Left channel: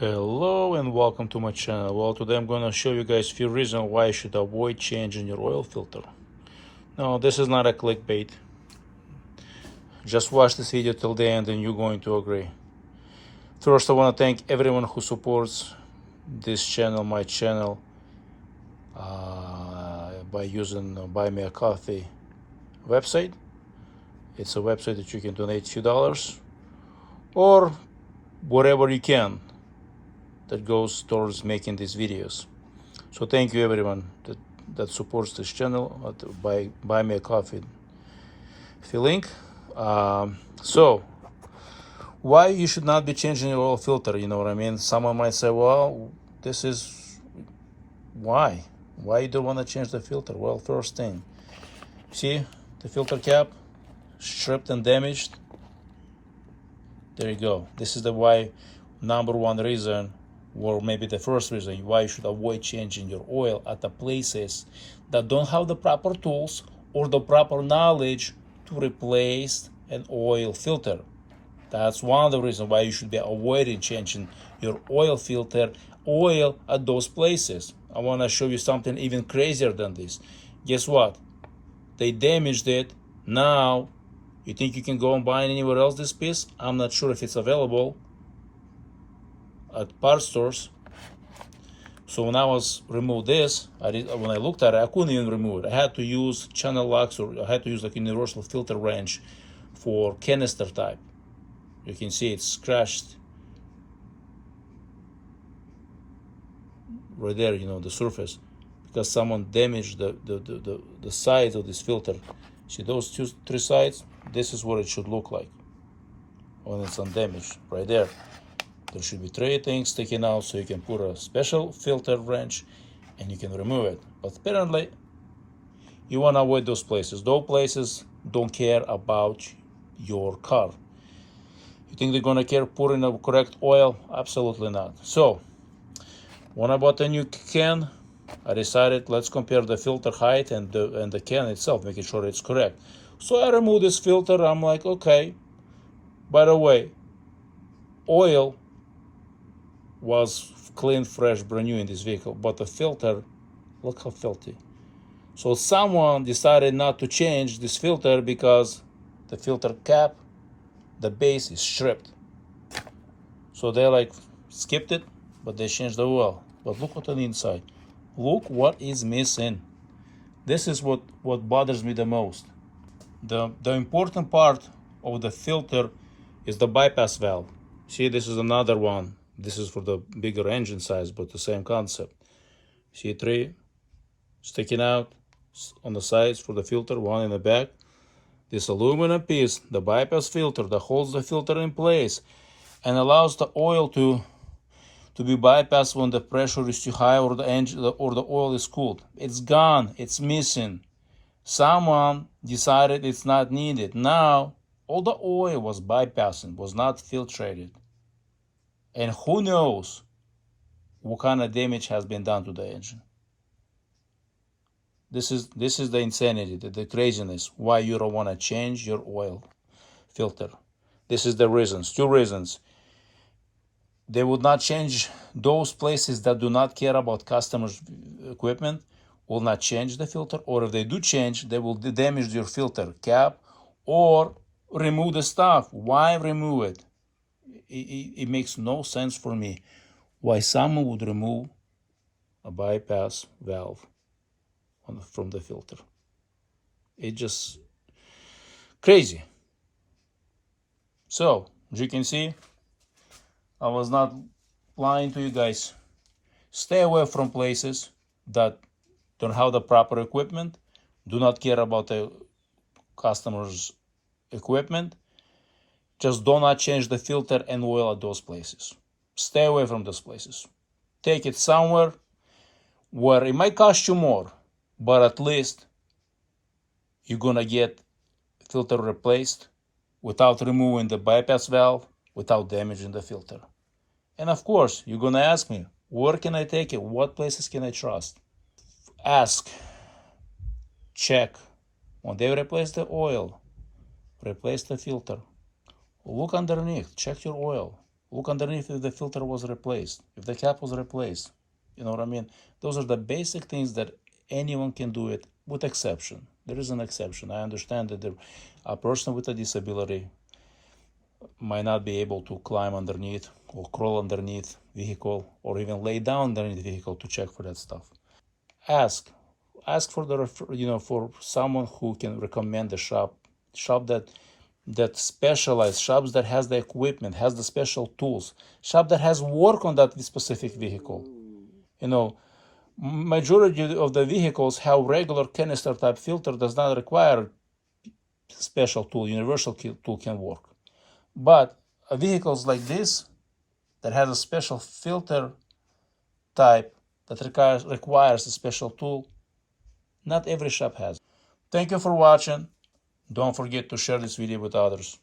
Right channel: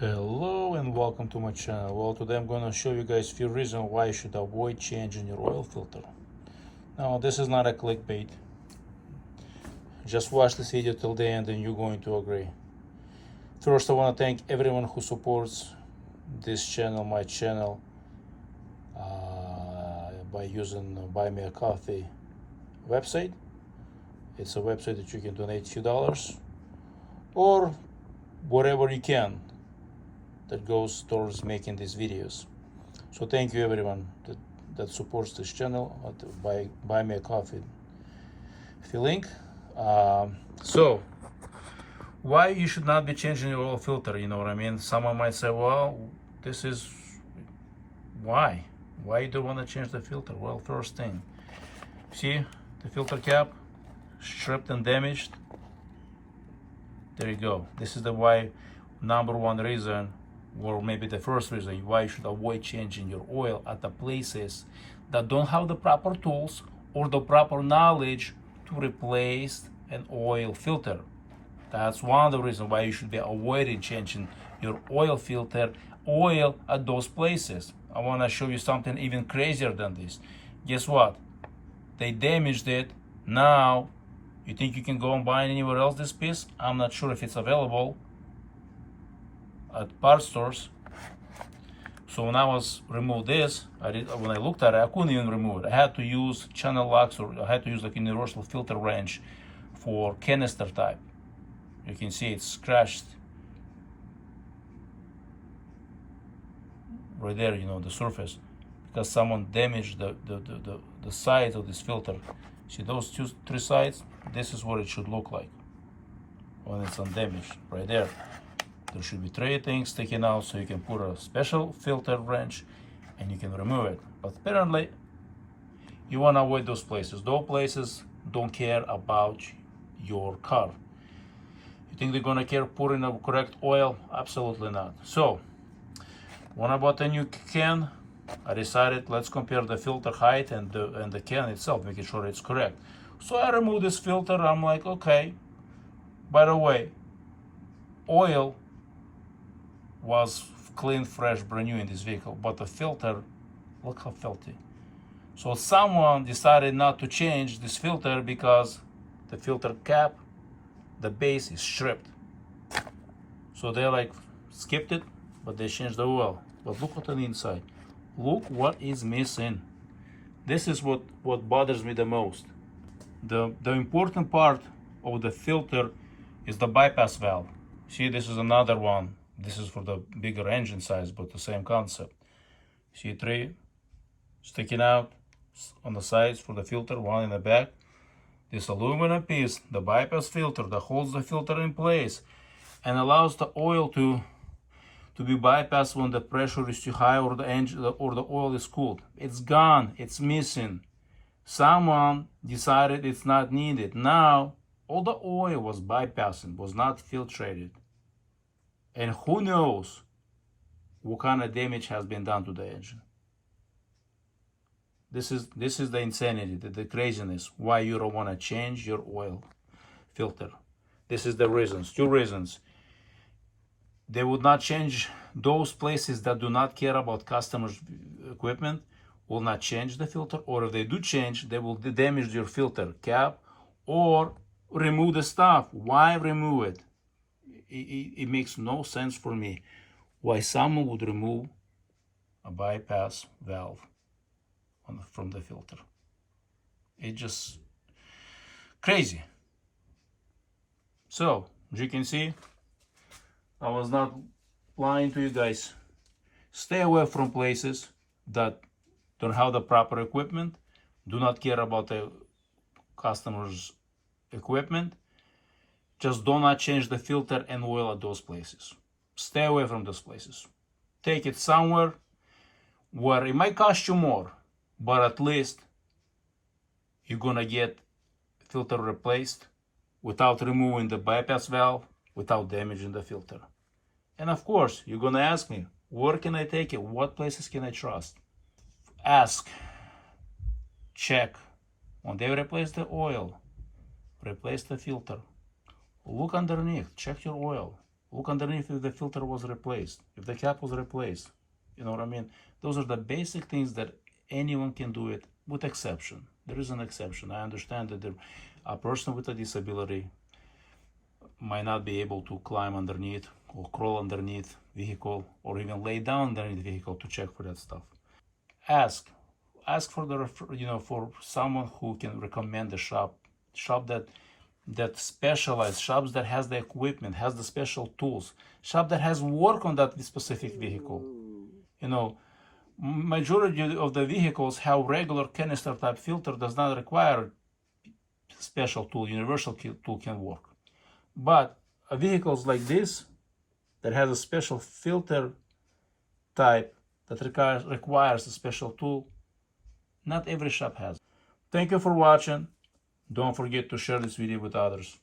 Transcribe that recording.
Hello and welcome to my channel. Well, today I'm going to show you guys a few reasons why you should avoid changing your oil filter. Now, this is not a clickbait. Just watch this video till the end and you're going to agree. First, I want to thank everyone who supports this channel, my channel, by using Buy Me a Coffee website. It's a website that you can donate a few dollars or whatever you can that goes towards making these videos. So thank you everyone that supports this channel by Buy Me a Coffee link. So why you should not be changing your oil filter, you know what I mean? Someone might say, well, this is why you don't want to change the filter. Well, first thing, see the filter cap stripped and damaged. There you go. This is the number one reason, or maybe the first reason why you should avoid changing your oil at the places that don't have the proper tools or the proper knowledge to replace an oil filter. That's one of the reasons why you should be avoiding changing your oil filter at those places. I want to show you something even crazier than this. Guess what? They damaged it. Now, you think you can go and buy anywhere else this piece? I'm not sure if it's available at parts stores. So when I was remove this, when I looked at it, I couldn't even remove it. I had to use channel locks, or I had to use like universal filter wrench for canister type. You can see it's scratched right there, you know, the surface, because someone damaged the sides of this filter. See those three sides? This is what it should look like when it's undamaged, right there. There should be three things sticking out, so you can put a special filter wrench and you can remove it. But apparently, you want to avoid those places. Those places don't care about your car. You think they're going to care putting the correct oil? Absolutely not. So, when I bought a new can, I decided let's compare the filter height and the can itself, making sure it's correct. So I removed this filter. I'm like, okay, by the way, oil was clean, fresh, brand new in this vehicle, but the filter, look how filthy. So someone decided not to change this filter because the filter cap, the base is stripped. So they like skipped it, but they changed the oil. But look what's on the inside. Look what is missing. This is what bothers me the most. The important part of the filter is the bypass valve. See, this is another one. This is for the bigger engine size, but the same concept. See, three sticking out on the sides for the filter, one in the back. This aluminum piece, the bypass filter that holds the filter in place and allows the oil to be bypassed when the pressure is too high or the engine or the oil is cooled. It's gone. It's missing. Someone decided it's not needed. Now, all the oil was bypassing, was not filtrated. And who knows what kind of damage has been done to the engine. This is the insanity, the craziness, why you don't want to change your oil filter. This is the reasons, two reasons. They would not change those places that do not care about customers' equipment, will not change the filter, or if they do change, they will damage your filter cap or remove the stuff. Why remove it? It makes no sense for me why someone would remove a bypass valve from the filter. It's just crazy. So, as you can see, I was not lying to you guys. Stay away from places that don't have the proper equipment, do not care about the customer's equipment. Just do not change the filter and oil at those places. Stay away from those places. Take it somewhere where it might cost you more, but at least you're gonna get filter replaced without removing the bypass valve, without damaging the filter. And of course, you're gonna ask me, where can I take it? What places can I trust? Ask, check. When they replace the oil, replace the filter. Look underneath, check your oil. Look underneath if the filter was replaced, if the cap was replaced. You know what I mean? Those are the basic things that anyone can do it, with exception. There is an exception. I understand that a person with a disability might not be able to climb underneath or crawl underneath vehicle or even lay down underneath the vehicle to check for that stuff. Ask for the for someone who can recommend the shop that specialized, shops that has the equipment, has the special tools, shop that has work on that specific vehicle. You know, majority of the vehicles have regular canister type filter, does not require special tool, universal tool can work. But vehicles like this that has a special filter type that requires a special tool, not every shop has. Thank you for watching. Don't forget to share this video with others.